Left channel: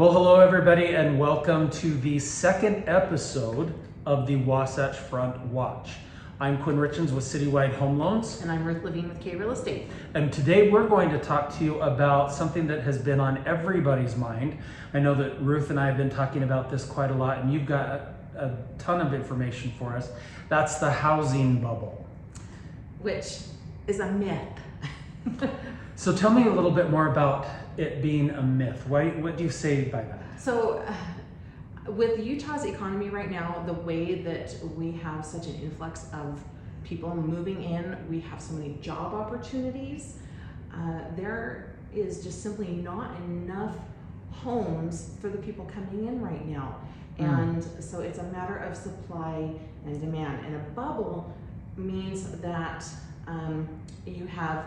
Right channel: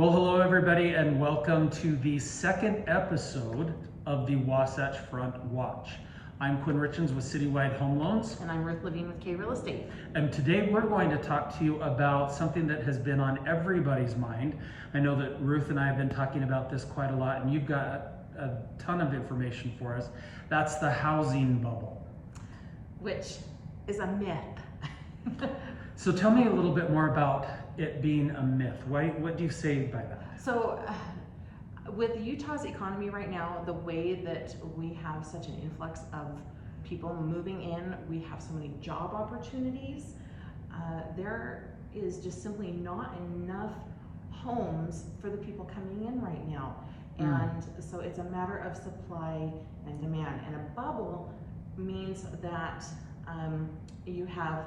Well, hello everybody, and welcome to the second episode of the Wasatch Front Watch. I'm Quinn Richens with Citywide Home Loans. And I'm Lavine with K Real Estate. And today we're going to talk to you about something that has been on everybody's mind. I know that Ruth and I have been talking about this quite a lot, and you've got a ton of information for us. That's the housing bubble. Which is a myth. So tell me a little bit more about it being a myth. What do you say by that? So with Utah's economy right now, the way that we have such an influx of people moving in, we have so many job opportunities, there is just simply not enough homes for the people coming in right now. And so it's a matter of supply and demand. And a bubble means that you have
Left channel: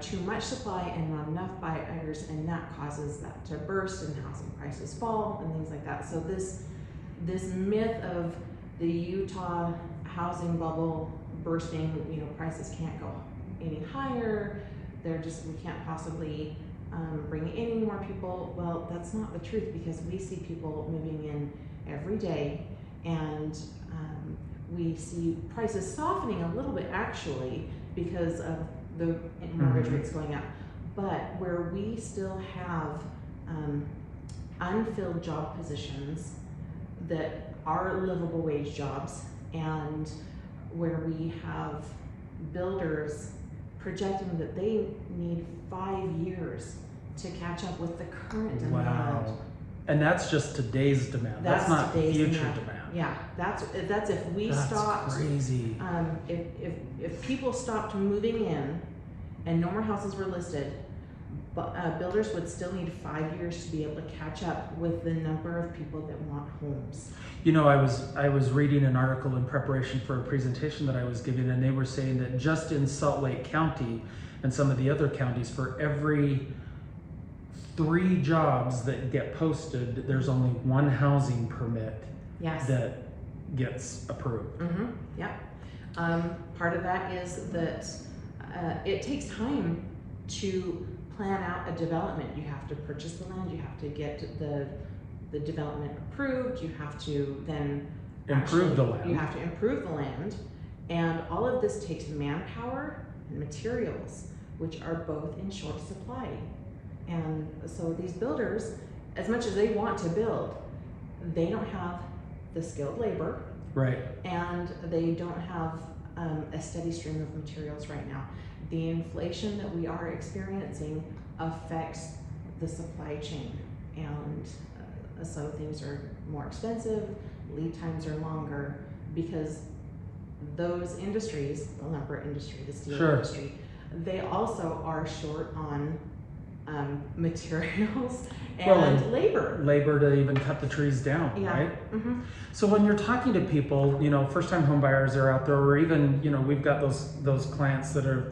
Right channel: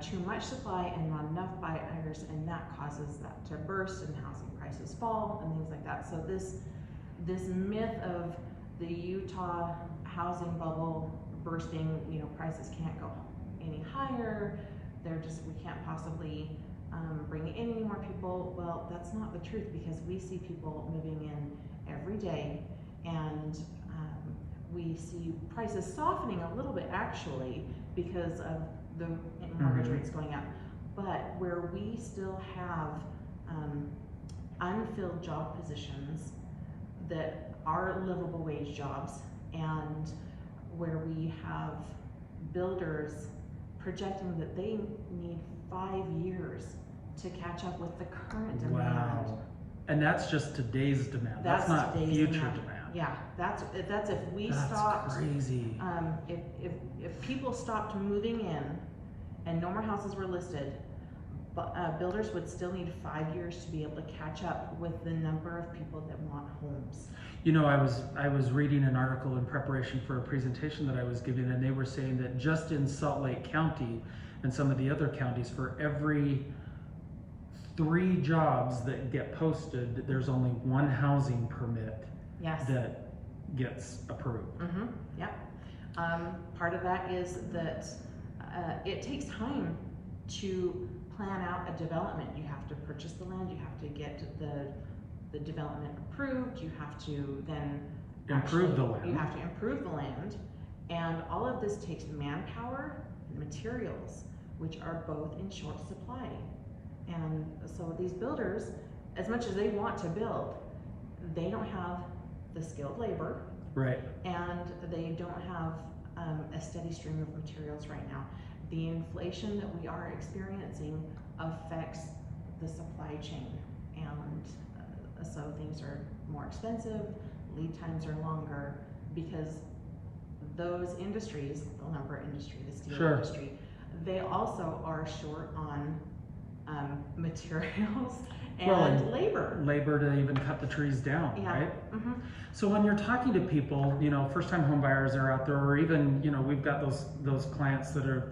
too much supply and not enough buyers, and that causes that to burst and housing prices fall and things like that. So this myth of the Utah housing bubble bursting, prices can't go any higher. We can't possibly bring in any more people. Well, that's not the truth, because we see people moving in every day, and we see prices softening a little bit actually because of the mortgage rates going up. But where we still have unfilled job positions that are livable wage jobs, and where we have builders projecting that they need 5 years to catch up with the current demand. Wow. And that's just today's demand. That's not future demand. Yeah, that's if we That's stopped. Crazy. If people stopped moving in and no more houses were listed, builders would still need 5 years to be able to catch up with the number of people that want homes. I was reading an article in preparation for a presentation that I was giving, and they were saying that just in Salt Lake County and some of the other counties, for every 3 jobs that get posted, there's only 1 housing permit that gets approved. Yep. Part of that is that it takes time to plan out a development. You have to purchase the land, you have to get the development approved, you have to then Improve the land. You have to improve the land, and all of this takes manpower and materials, which are both in short supply. And so these builders, as much as they want to build, they don't have the skilled labor, right? And they don't have a steady stream of materials right now. The inflation that we are experiencing affects the supply chain, and so things are more expensive, lead times are longer, because those industries, the lumber industry, the steel industry, they also are short on materials and labor to even cut the trees down, right? So when you're talking to people, first-time home buyers are out there, or even we've got those clients that have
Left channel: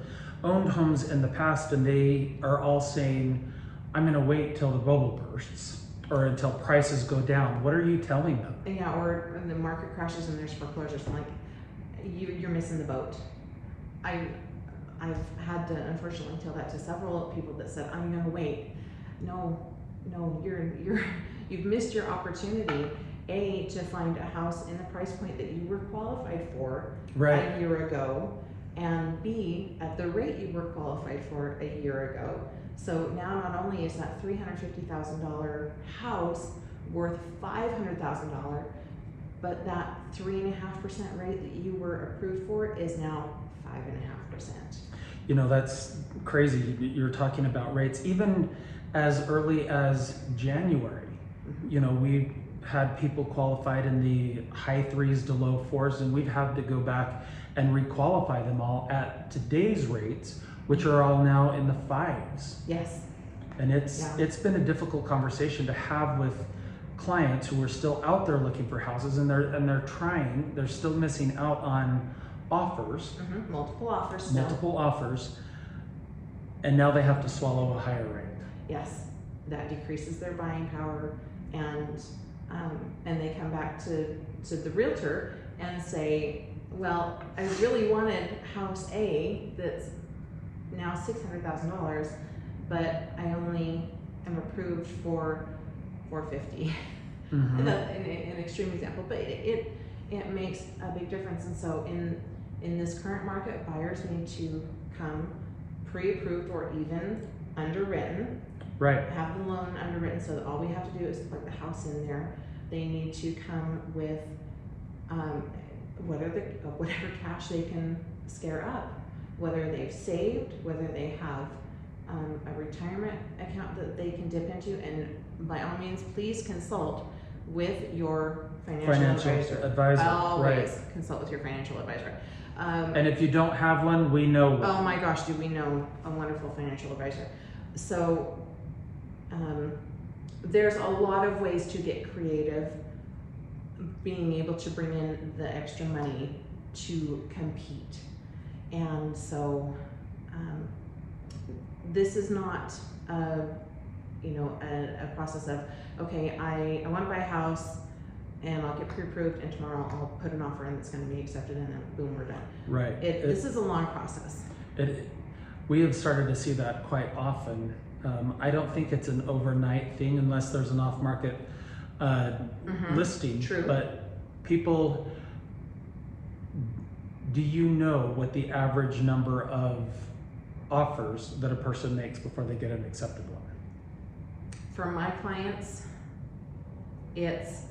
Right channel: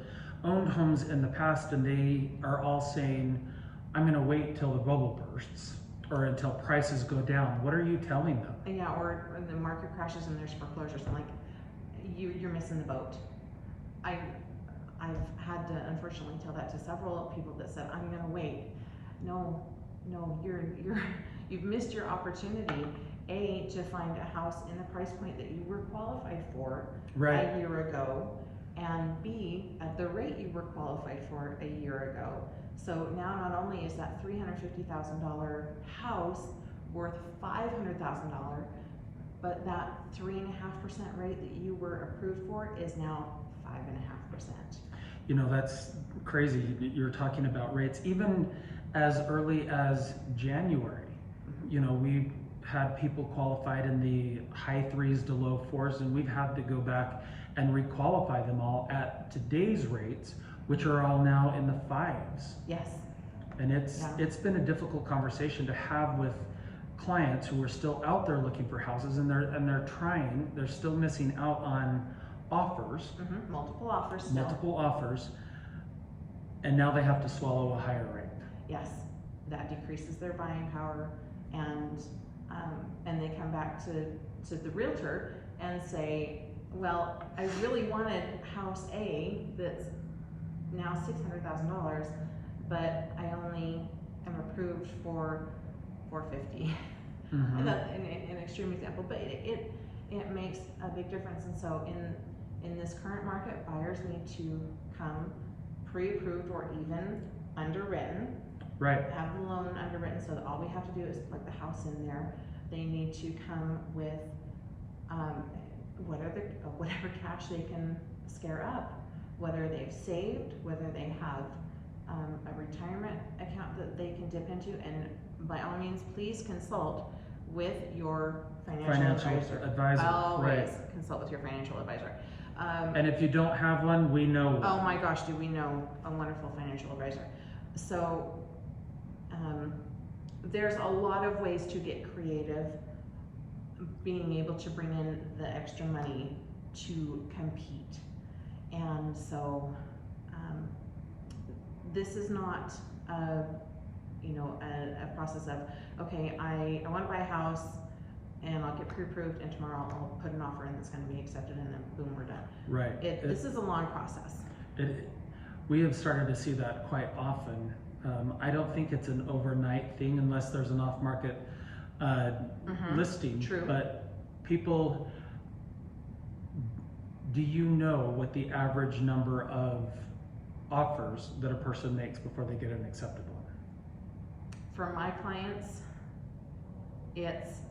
owned homes in the past, and they are all saying, I'm going to wait till the bubble bursts or until prices go down. What are you telling them? Yeah, or the market crashes and there's foreclosures. I'm like, you're missing the boat. I've had to unfortunately tell that to several people that said, I'm gonna wait. No, you've missed your opportunity, A, to find a house in the price point that you were qualified for a year ago, and B, at the rate you were qualified for a year ago. So now not only is that $350,000 house worth $500,000, but that 3.5% rate that you were approved for is now 5.5%. That's crazy. You're talking about rates even as early as January. We had people qualified in the high 3s to low 4s, and we've had to go back and requalify them all at today's rates, which are all now in the 5s. Yes. And it's been a difficult conversation to have with clients who are still out there looking for houses, and they're still missing out on offers. Multiple offers still. Multiple offers, and now they have to swallow a higher rate. Yes, that decreases their buying power, and they come back to the realtor and say, well, I really wanted house A that's now $600,000, but I only am approved for 450. Mhm. And that's an extreme example, but it makes a big difference. And so in this current market, buyers need to come pre-approved or even underwritten. Right. Have the loan underwritten so that all we have to do is plug the house in there. They need to come with whatever cash they can scare up, whether they've saved, whether they have a retirement account that they can dip into, and by all means, please consult with your financial advisor. Always right. consult with your financial advisor. And if you don't have one, we know one. Oh my gosh, do we know a wonderful financial advisor? So there's a lot of ways to get creative, being able to bring in the extra money to compete. And so this is not a process of, okay, I want to buy a house and I'll get pre-approved and tomorrow I'll put an offer in that's going to be accepted and then boom, we're done. Right. This is a long process. We have started to see that quite often. I don't think it's an overnight thing unless there's an off-market listing. True. But people, do you know what the average number of offers that a person makes before they get an accepted one? For my clients, it's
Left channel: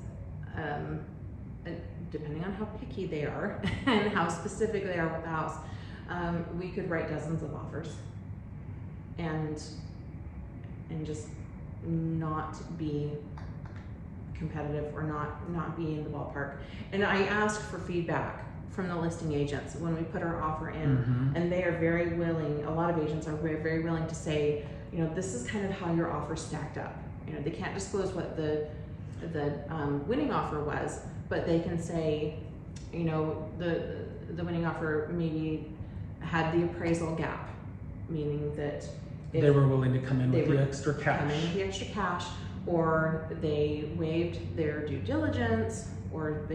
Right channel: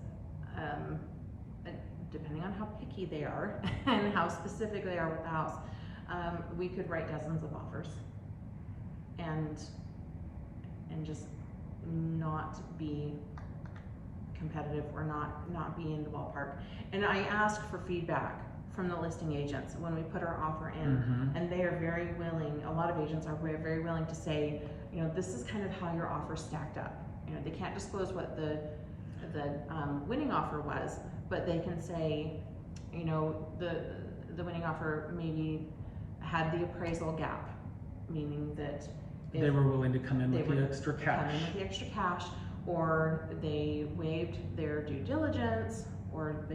depending on how picky they are and how specific they are with the house, we could write dozens of offers and just not be competitive or not be in the ballpark. And I ask for feedback from the listing agents when we put our offer in, and they are very willing. A lot of agents are very willing to say, this is kind of how your offer stacked up. They can't disclose what the winning offer was, but they can say, the winning offer maybe had the appraisal gap, meaning that they were willing to come in with the extra cash. Or they waived their due diligence, or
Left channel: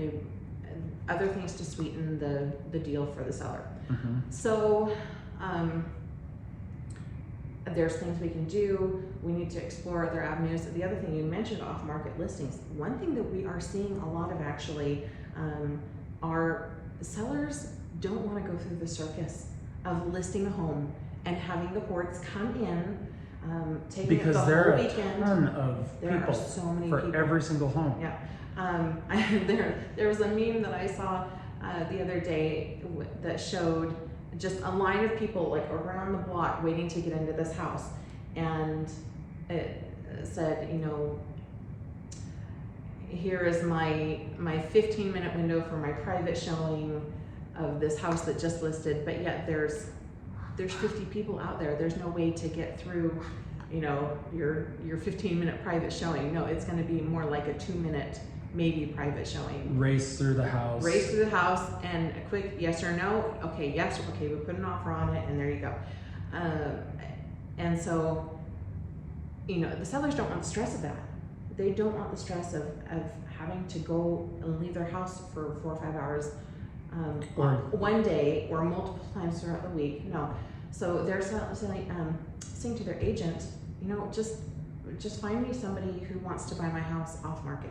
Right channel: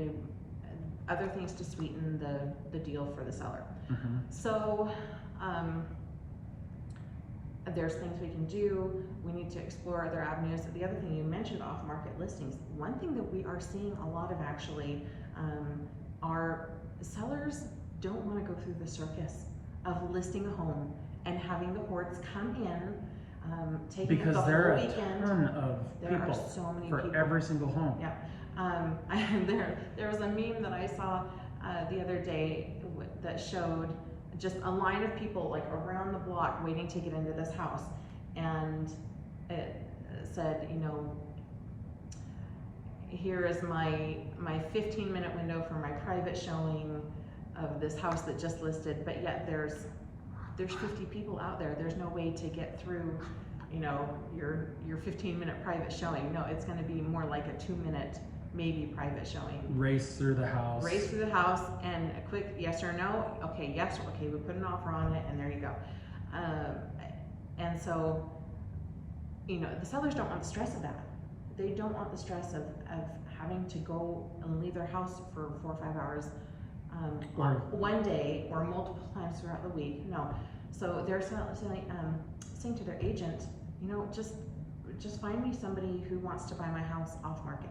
other things to sweeten the deal for the seller. So there's things we can do. We need to explore other avenues. The other thing you mentioned, off-market listings. One thing that we are seeing a lot of actually are sellers don't want to go through the circus of listing a home and having the hordes come in, taking because the there whole are weekend. A ton of There people are so many for people. every single home. Yeah. There was a meme that I saw the other day that showed just a line of people like around the block waiting to get into this house, and it said, here is my 15-minute window for my private showing of this house that just listed, but yet there's 50 people out there. There's no way to get through, your 15-minute private showing. No, it's going to be more like a 2-minute maybe private showing. Race through the house And a quick yes or no. Okay, yes, okay, we put an offer on it, and there you go. And so, the sellers don't want the stress of that. They don't want the stress of having to go and leave their house for 4 or 5 hours one day or multiple times throughout the week. No. So they're saying to their agent, just find me somebody who wants to buy my house off market,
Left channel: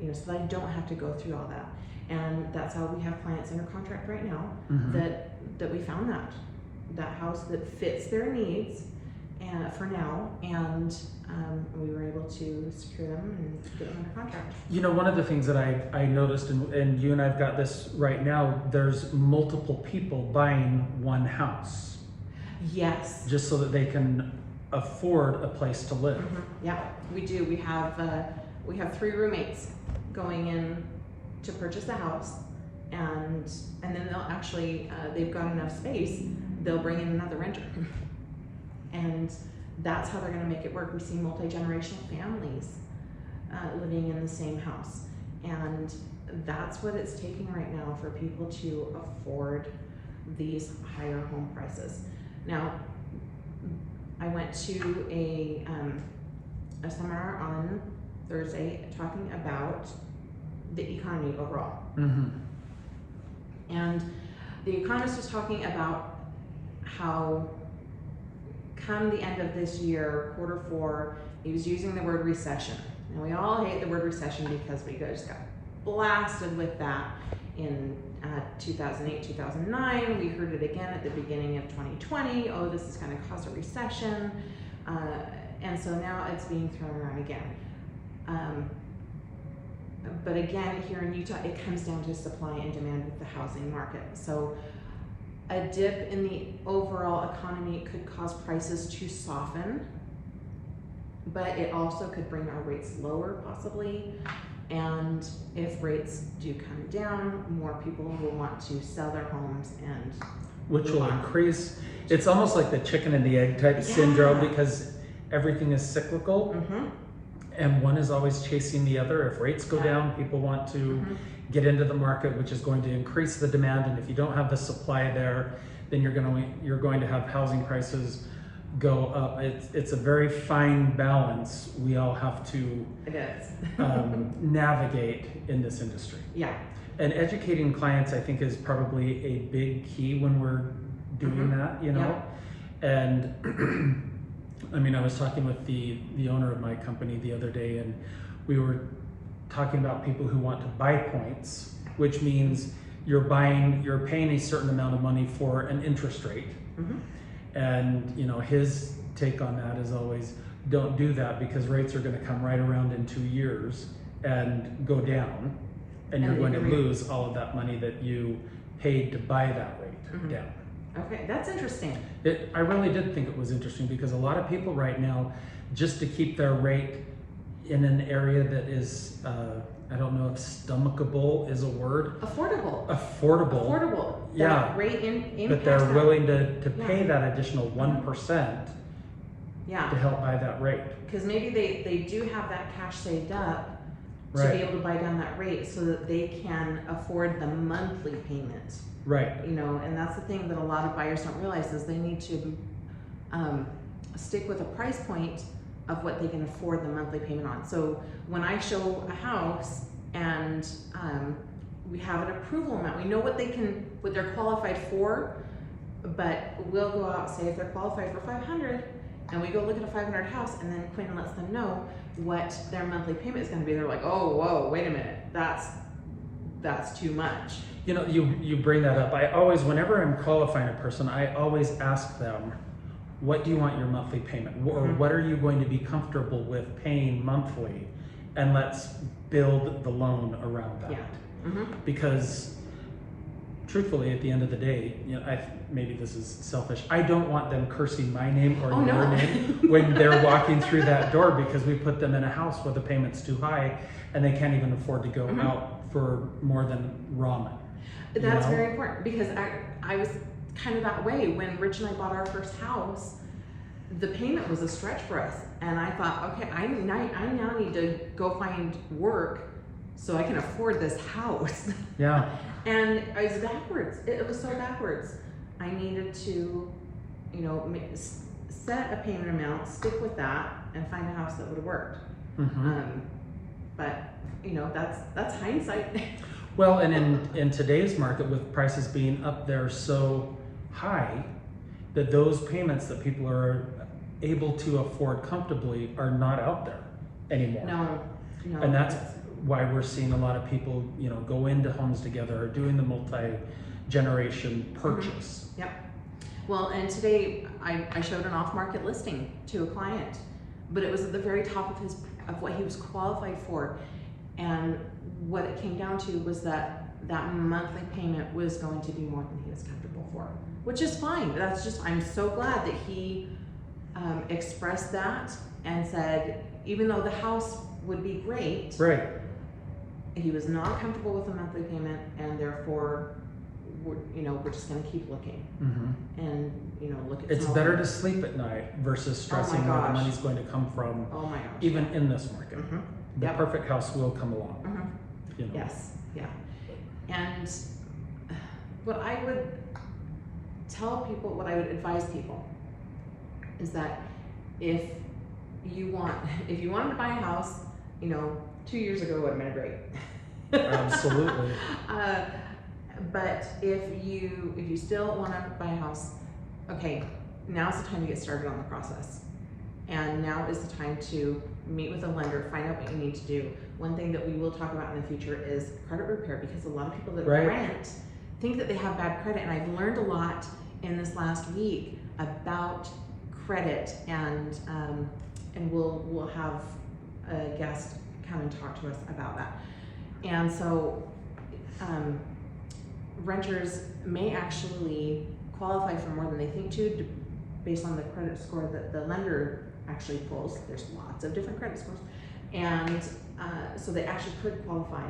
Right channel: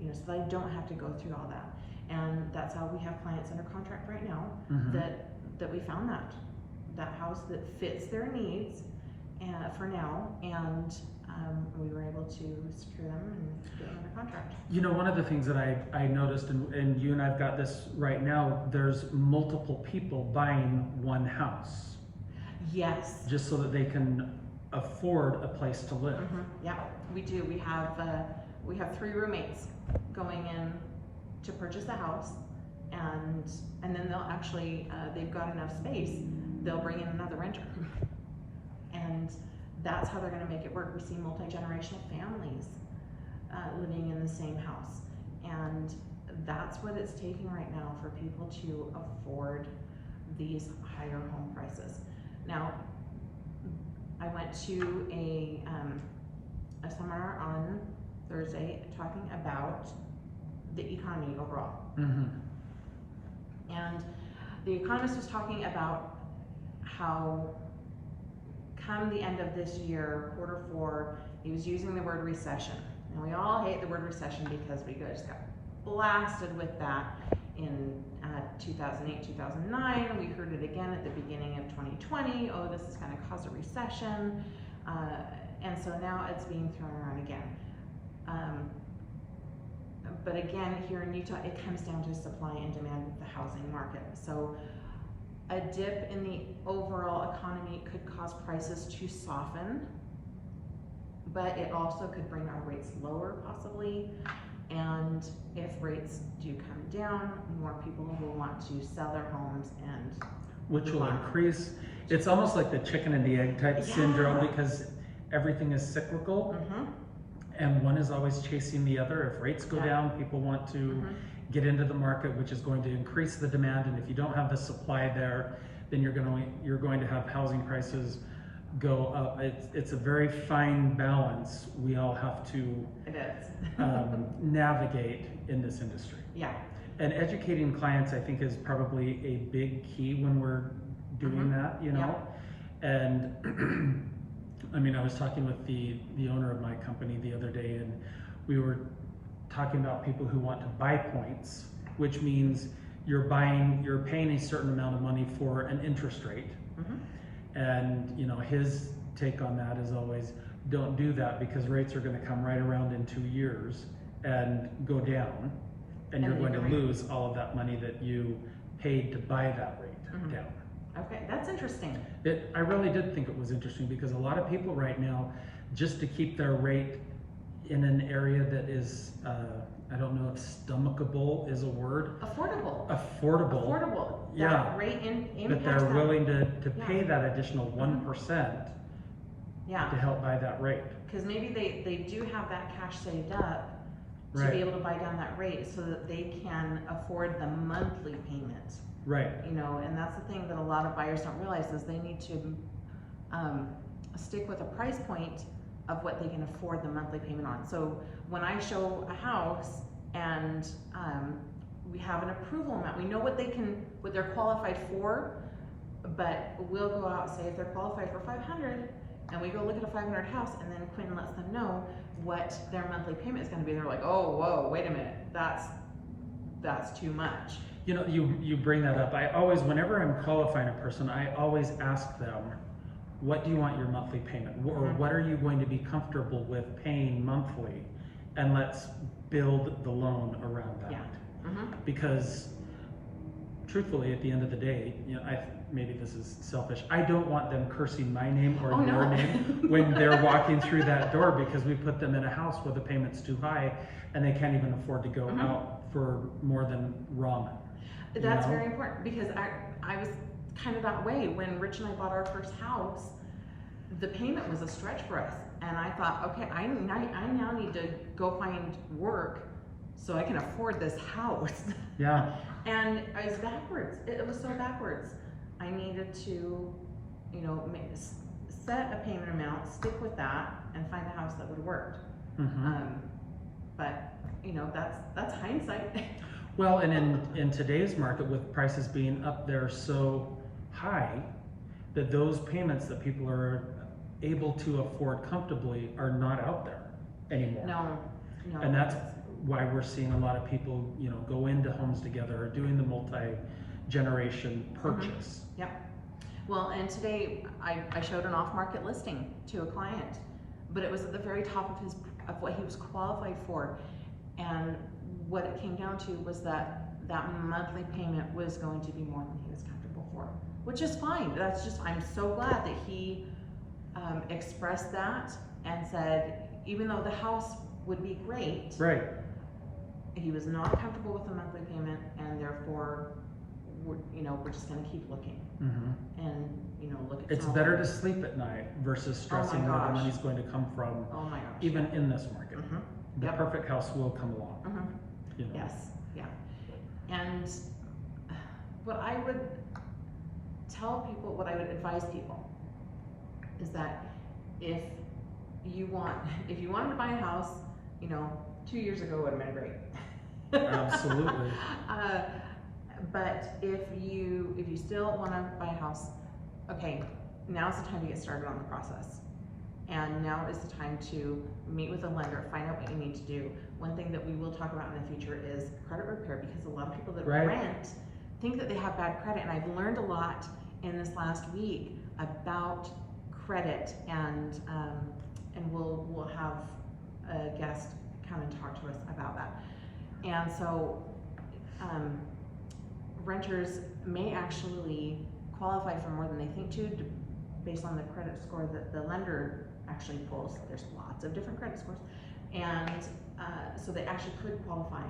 so that I don't have to go through all that. And that's how we have clients under contract right now that we found that house that fits their needs for now, and we were able to secure them and get them under contract. One of the things that I noticed, and you and I've got this right now, there's multiple people buying one house. Yes. Just so that they can afford a place to live. Yeah, we do. We have 3 roommates going in to purchase the house, and then they'll actually they've got enough space, they'll bring in another renter. And that's how they're going to make it work. We see multi-generational families living in the same house, and that's what it's taking right now for people to afford these higher home prices. Now, I went to a seminar on Thursday talking about the economy overall. And the economist was talking about how come the end of this year, quarter 4, he was using the word recession. And we all hate the word recession because we just got blasted with that in 2008, 2009. We heard it again at the beginning of 2020. Oh, this is going to cause a recession. And so now it's being thrown around again. But again, here in Utah, it comes down to supply and demand with the housing market. So a dip in the overall economy could cause prices to soften, but it also could bring our rates lower possibly. And if rates do come down, more people will want to sell their homes, and which will increase. It's almost like the chicken and the egg type syndrome, because everything is cyclical, and one is always chasing the other. If rates go down, people want to get into the market, which is going to increase the demand. And if you don't have the supply there, then you're going to have housing prices go up. It's a very fine balance we all have to navigate in this industry. Yeah. And educating clients, I think, is probably a big key when we're doing that, you know. And I mean, I was talking with the owner of my company the other day, and we were talking about people who want to buy points, which means you're paying a certain amount of money for an interest rate. And you know, his take on that is always, don't do that, because rates are going to come right around in 2 years and go down, and you're going to lose all of that money that you paid to buy that rate down. Okay, that's interesting. I really did think it was interesting, because a lot of people right now, just to keep their rate in an area that is, I don't know if stomachable is a word. Affordable. Affordable. That rate but they're willing to pay that additional 1% to help buy that rate. Because maybe they do have that cash saved up to be able to buy down that rate so that they can afford the monthly payment. Right. You know, and that's the thing that a lot of buyers don't realize, is they need to stick with a price point of what they can afford the monthly payment on. So when I show a house and we have an approval amount, we know what they're qualified for, but we'll go out and say if they're qualified for 500, and we go look at a 500 house, and then Quinn lets them know what their monthly payment is going to be. They're like, oh, whoa, wait a minute, that's too much. You know, you bring that up. I always, whenever I'm qualifying a person, I always ask them, what do you want your monthly payment? Or what are you going to be comfortable with paying monthly? And let's build the loan around that. Because truthfully, at the end of the day, you know, maybe this is selfish, I don't want them cursing my name or your name when they're walking through that door, because we put them in a house where the payment's too high and they can't even afford to go out for more than ramen. That's very important, because I was kind of that way when Rich and I bought our first house. The payment was a stretch for us, and I thought, okay, I now need to go find work so I can afford this house. Yeah. And it was backwards. It was so backwards. I needed to, you know, set a payment amount, stick with that, and find a house that would have worked. But you know, that's hindsight. Well, and in today's market, with prices being up there so high, that those payments that people are able to afford comfortably are not out there anymore. No. And that's why we're seeing a lot of people, you know, go into homes together, or doing the multi-generation purchase. Yep. Well, and today I showed an off-market listing to a client, but it was at the very top of what he was qualified for. And what it came down to was that monthly payment was going to be more than he was comfortable for, which is fine. That's just, I'm so glad that he expressed that and said, even though the house would be great, he was not comfortable with the monthly payment, and therefore we're just going to keep looking and look at. It's better to sleep at night versus stressing where the money's going to come from. Oh my gosh! Even in this market, the perfect house will come along. You know? Yes, yeah. And what I would tell people, what I would advise people, is that if you wanted to buy a house, 2 years ago would have been great. Absolutely. But if you still want to buy a house, okay, now's the time to get started on the process. And now is the time to meet with a lender, find out what you need to do. One thing that we will talk about in the future is credit repair, because a lot of people that rent think that they have bad credit. And I've learned a lot in this last week about credit, and we'll have a guest come and talk to us about that. And so renters may actually qualify for more than they think to, based on the credit score that the lender actually pulls. There's lots of different credit scores, and so they actually could qualify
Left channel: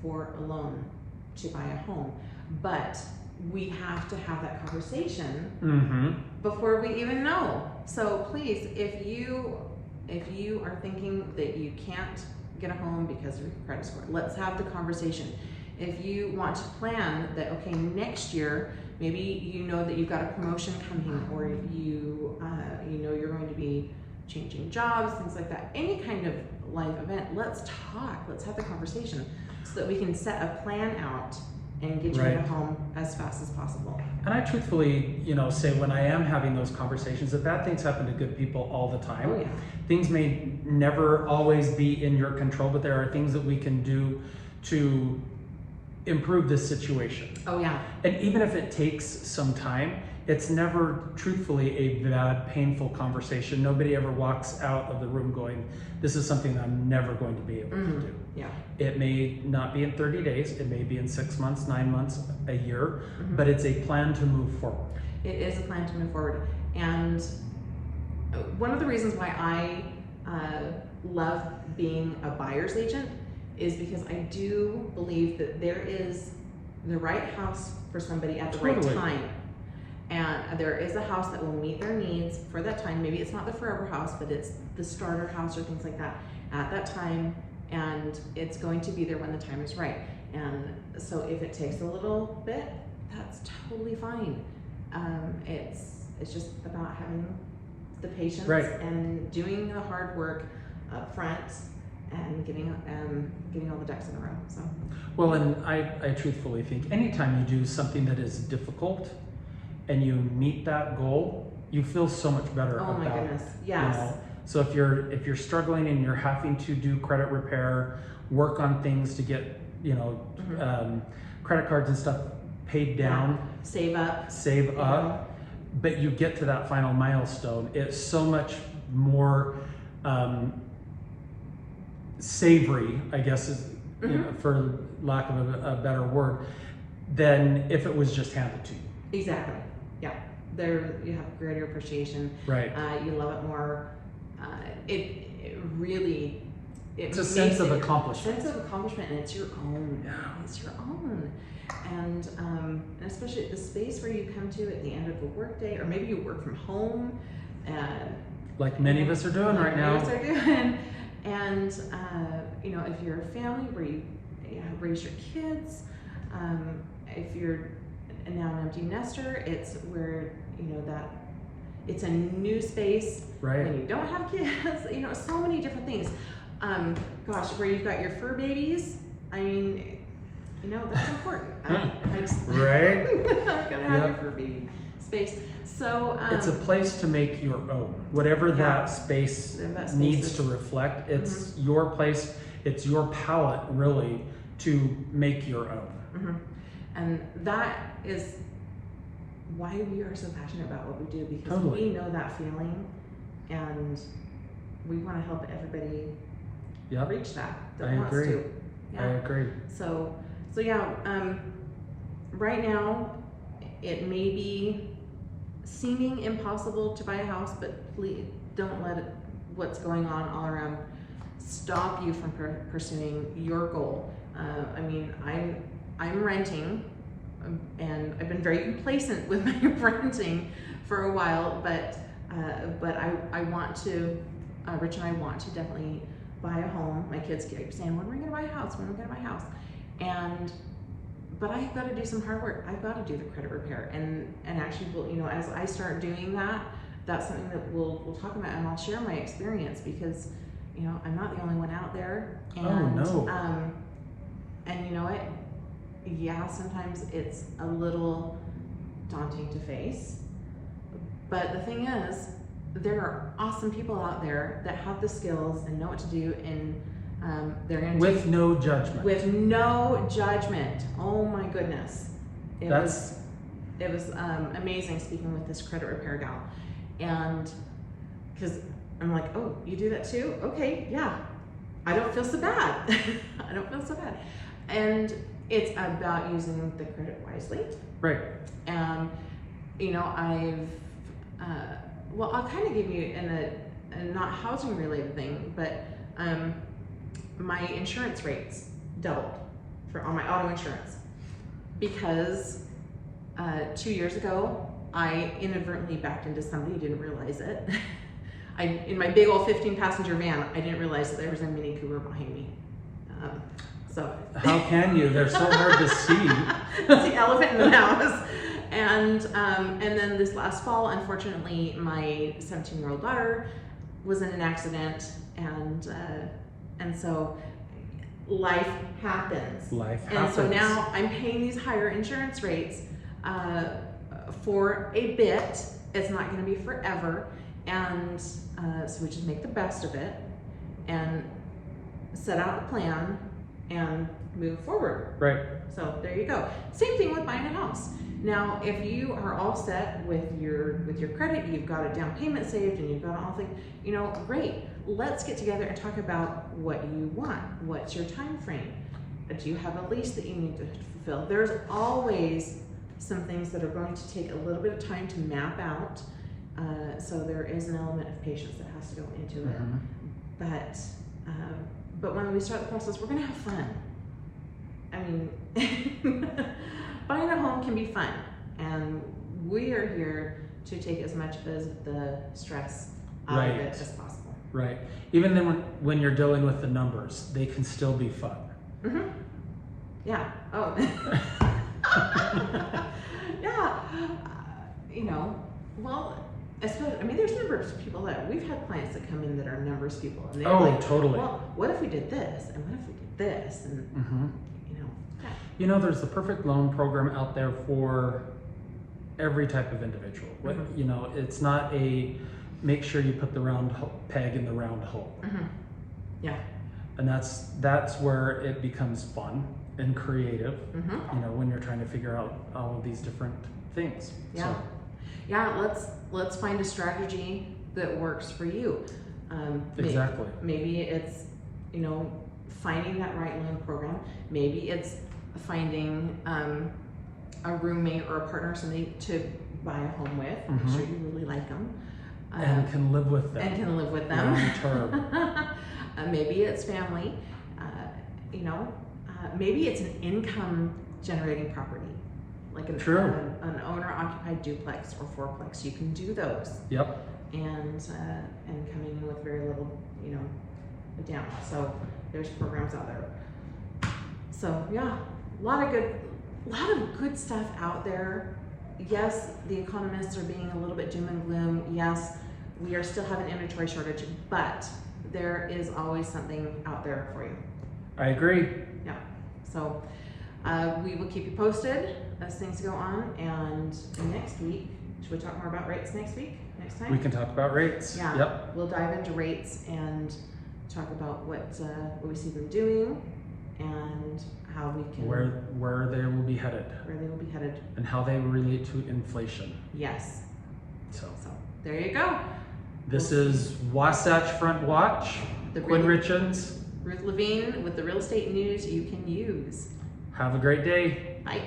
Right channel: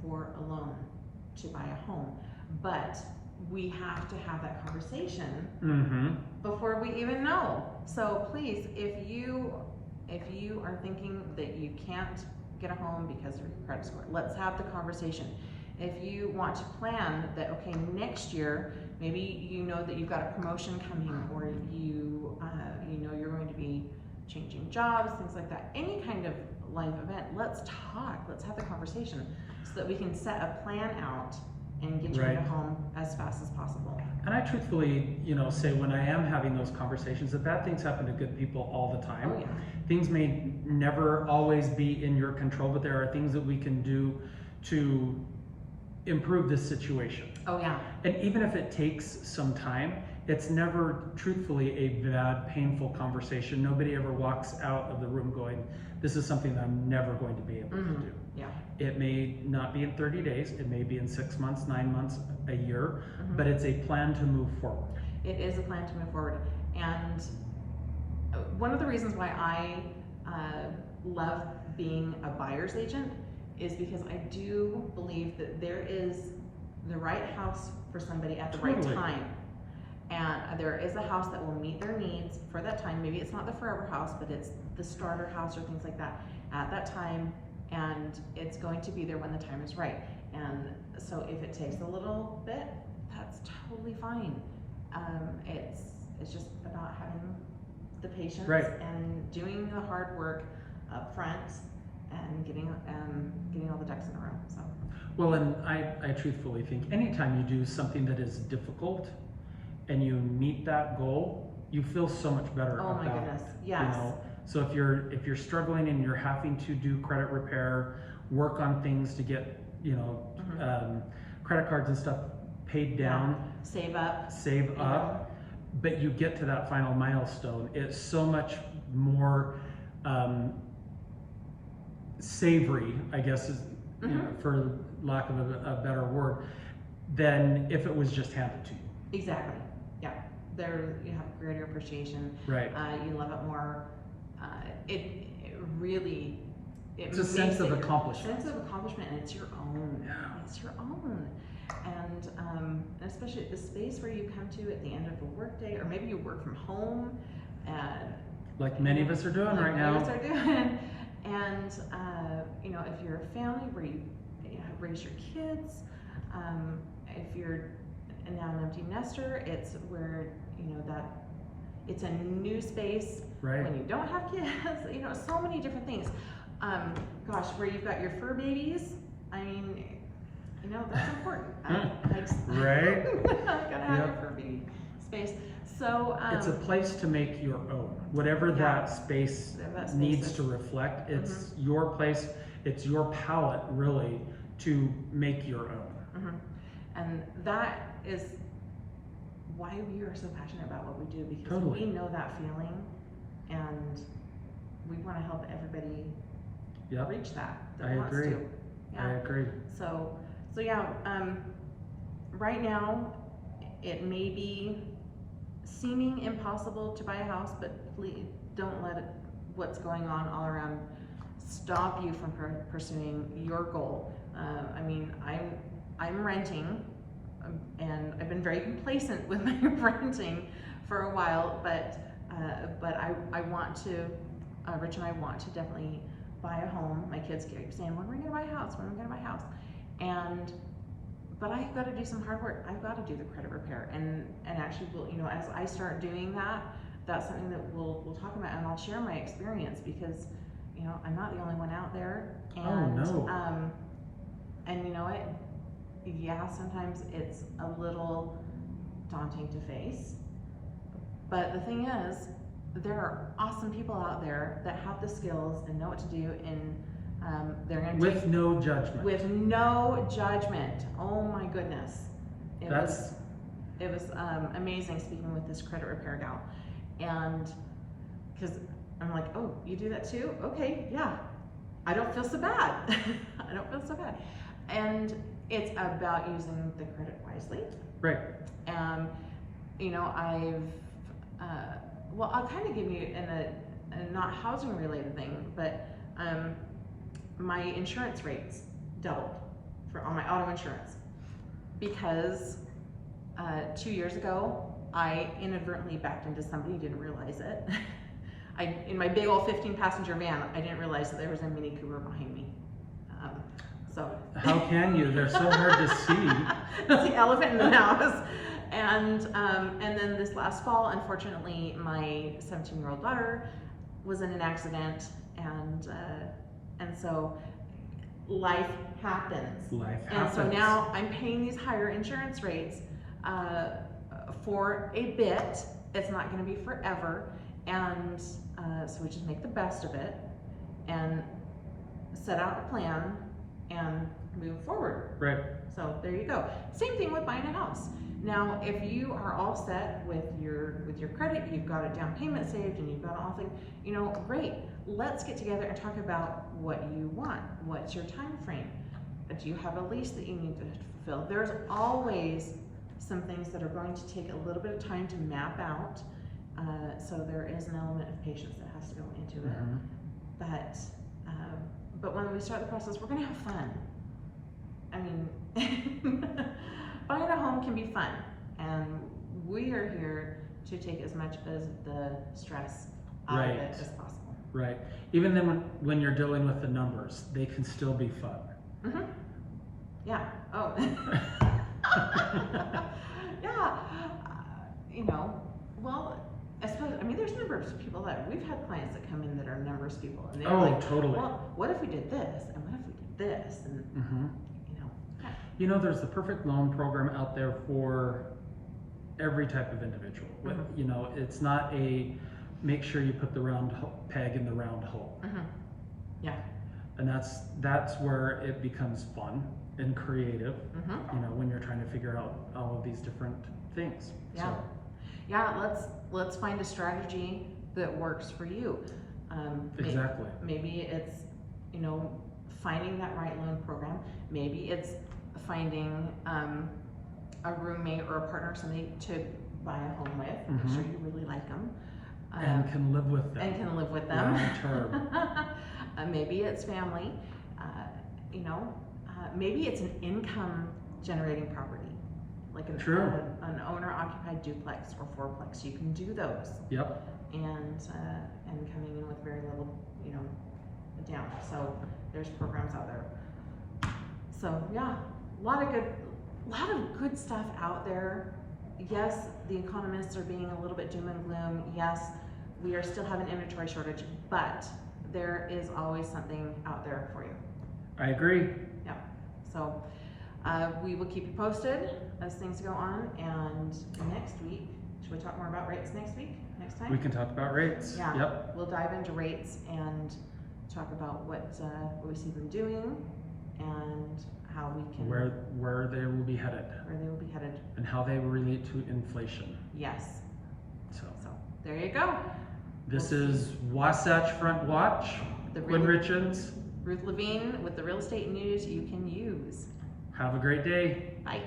for a loan to buy a home. But we have to have that conversation before we even know. So please, if you are thinking that you can't get a home because of your credit score, let's have the conversation. If you want to plan that, okay, next year, maybe you know that you've got a promotion coming, or you know you're going to be changing jobs, things like that, any kind of life event, let's talk, let's have the conversation so that we can set a plan out and get you in a home as fast as possible. And I truthfully, say when I am having those conversations, that bad things happen to good people all the time. Oh, yeah. Things may never always be in your control, but there are things that we can do to improve this situation. Oh yeah. And even if it takes some time, it's never truthfully a bad, painful conversation. Nobody ever walks out of the room going, this is something I'm never going to be able to do. Yeah. It may not be in 30 days, it may be in 6 months, 9 months, a year, but it's a plan to move forward. It is a plan to move forward. And one of the reasons why I love being a buyer's agent is because I do believe that there is the right house for somebody at the right time. And there is a house that will meet their needs for that time. Maybe it's not the forever house, but it's the starter house or things like that at that time. And it's going to be there when the time is right. And so if it takes a little bit, that's totally fine. It's just about having the patience and doing the hard work up front and getting all the ducks in a row. So. Well, and I truthfully think anytime you do something that is difficult and you meet that goal, you feel so much better about it. Oh my goodness, yes. So if you're struggling and you're having to do credit repair, work on things to get credit cards and stuff paid down, save up, but you get to that final milestone, it's so much more savory, I guess, is, for lack of a better word, than if it was just handed to you. Exactly. Yeah. There you have greater appreciation. Right. You love it more. It really. It's a sense of accomplishment. Sense of accomplishment, and it's your own. Yeah. It's your own. And especially the space where you come to at the end of a work day, or maybe you work from home. Like many of us are doing right now. Many of us are doing. And if you're a family where you raise your kids, if you're now an empty nester, it's where that it's a new space when you don't have kids. So many different things. Where you've got your fur babies. I mean, that's important. Right. Gotta have your fur baby space. So it's a place to make your own. Whatever that space needs to reflect, it's your place. It's your palette, really, to make your own. And that is why we are so passionate about what we do, because we know that feeling, and we want to help everybody reach that wants to. Yeah. I agree. So yeah. Right now, it may be seeming impossible to buy a house, but please don't let what's going on all around stop you from pursuing your goal. I'm renting, and I've been very complacent with my renting for a while, but I want to, Rich and I want to definitely buy a home. My kids keep saying, when are we going to buy a house? When are we going to buy a house? But I've got to do some hard work. I've got to do the credit repair, and actually, as I start doing that, that's something that we'll talk about, and I'll share my experience, because I'm not the only one out there. And, and you know what? Yeah, sometimes it's a little daunting to face, but the thing is, there are awesome people out there that have the skills and know what to do, and they're going to with no judgment. With no judgment. Oh my goodness, it was amazing speaking with this credit repair gal, and because I'm like, oh, you do that too? Okay, yeah. I don't feel so bad. I don't feel so bad, and it's about using the credit wisely. Right. And you know, well, I'll kind of give you a not housing related thing, but my insurance rates doubled on my auto insurance because 2 years ago I inadvertently backed into somebody, didn't realize it. In my big old 15-passenger van, I didn't realize that there was a Mini Cooper behind me. So how can you? They're so hard to see. It's the elephant in the house. And then this last fall, unfortunately, my 17-year-old daughter was in an accident, and so life happens. Life happens. And so now I'm paying these higher insurance rates for a bit. It's not going to be forever, and so we just make the best of it and set out a plan and move forward. Right. So there you go. Same thing with buying a house. Now, if you are all set with your credit, you've got a down payment saved, and you've got all things, you know, great. Let's get together and talk about what you want. What's your time frame? Do you have a lease that you need to fulfill? There's always some things that are going to take a little bit of time to map out. So there is an element of patience that has to go into it. But when we start the process, we're gonna have fun. I mean, buying a home can be fun, and we are here to take as much as the stress out of it as possible. Right. Even then, when you're dealing with the numbers, they can still be fun. Mm-hmm. Yeah. Oh. Yeah. You know, well, I suppose, I mean, there's numbers of people that we've had clients that come in that are numbers people, and they're like, totally. Well, what if we did this, and what if we did this, and you know. Yeah. You know, there's the perfect loan program out there for every type of individual. You know, it's not a make sure you put the round peg in the round hole. Yeah. And that's where it becomes fun and creative. You know, when you're trying to figure out all of these different things. Yeah. So. Yeah. Let's find a strategy that works for you. Exactly. Maybe it's, you know, finding that right loan program. Maybe it's finding a roommate or a partner, somebody to buy a home with. Make sure you really like them. And can live with them. Long term. Maybe it's family. You know, maybe it's an income generating property, like an owner-occupied duplex or fourplex. You can do those. Yep. And coming in with very little, you know, down. So there's programs out there. So yeah, a lot of good stuff out there. Yes, the economists are being a little bit doom and gloom. Yes, we are still having inventory shortage, but there is always something out there for you. I agree. Yeah. So we will keep you posted as things go on. And next week, should we talk more about rates next week? Next time? We can talk about rates. Yeah. Yep. We'll dive into rates and talk about what we see them doing and how we can where they will be headed. Where they will be headed. And how they relate to inflation. Yes. So there you go. This is Wasatch Front Watch. Quinn Richens. Ruth Lavine with the real estate news you can use. Have a great day. Bye.